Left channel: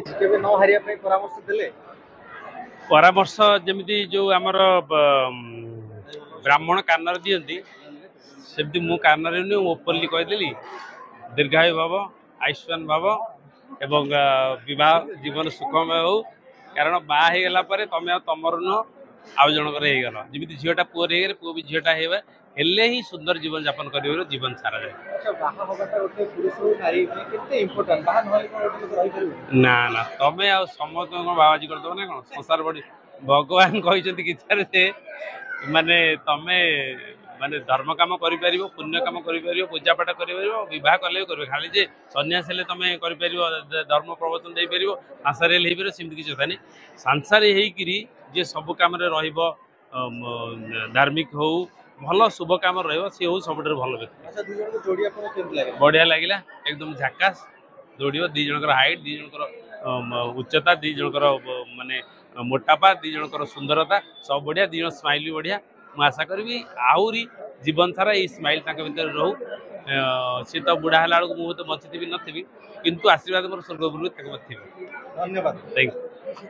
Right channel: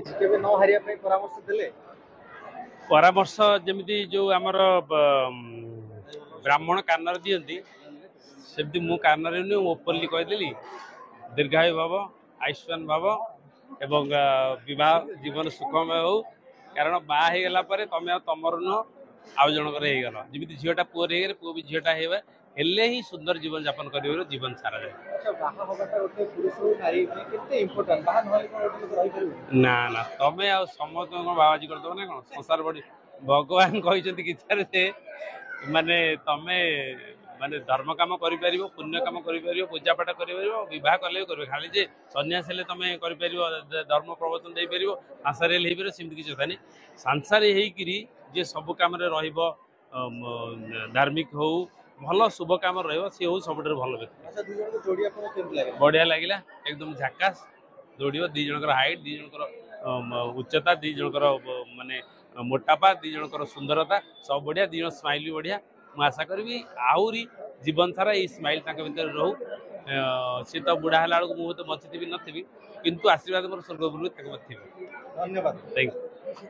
केबे न हारिया पे परामर्श देले परामर्श जमी जो आमर ब्राह्मण कानर दिखती सेमती मु कानर ओपनली कहीदेली दीर्घायु भाव आयुष्मान भाव एवं विवाह जीवन सुखमय हो कारण बाहला तुम तुमर नुह आउ जनकर होगल जमी झीटा पुअर हो पुओ भी झीटा हेबे हेले ही सुंदर जीवन यापन कर जीवन सारा जाए ना ना तमें आ समस्त बाबाजी करदे ना कौन संसार बड़ी भगवान कहते गीतार से माने तमें माने धर्म कम कर पुण्य कम कर पूजा पाठ कर कले कर खाली जे सन्यास हेले तुम कर धर्म प्रवर्तन दे पार सांसारियल हो पार सेमती किसी कथा नहीं सांसारी होकरी जे सब कम धार्मिक हो भल शुभ कम सी हो सब भल व्यक्ति बढ़िया लगे एकदम झाकास जोड़ दी जनकर हाइट दी जनकर उच्चता दी जनकर माने मोटापा दी जनकर सुंदरता सब बढ़िया दी जन स्माइल भी बढ़िया मुझे आशा करी आहरी जीवन सारा ये स्माइल भर रहू सी तो बुढ़ा है मुझे बची नथी किंतु आशीर्वाद मोर स्वर्ग गुरु थी। धन्यवाद। Thank you.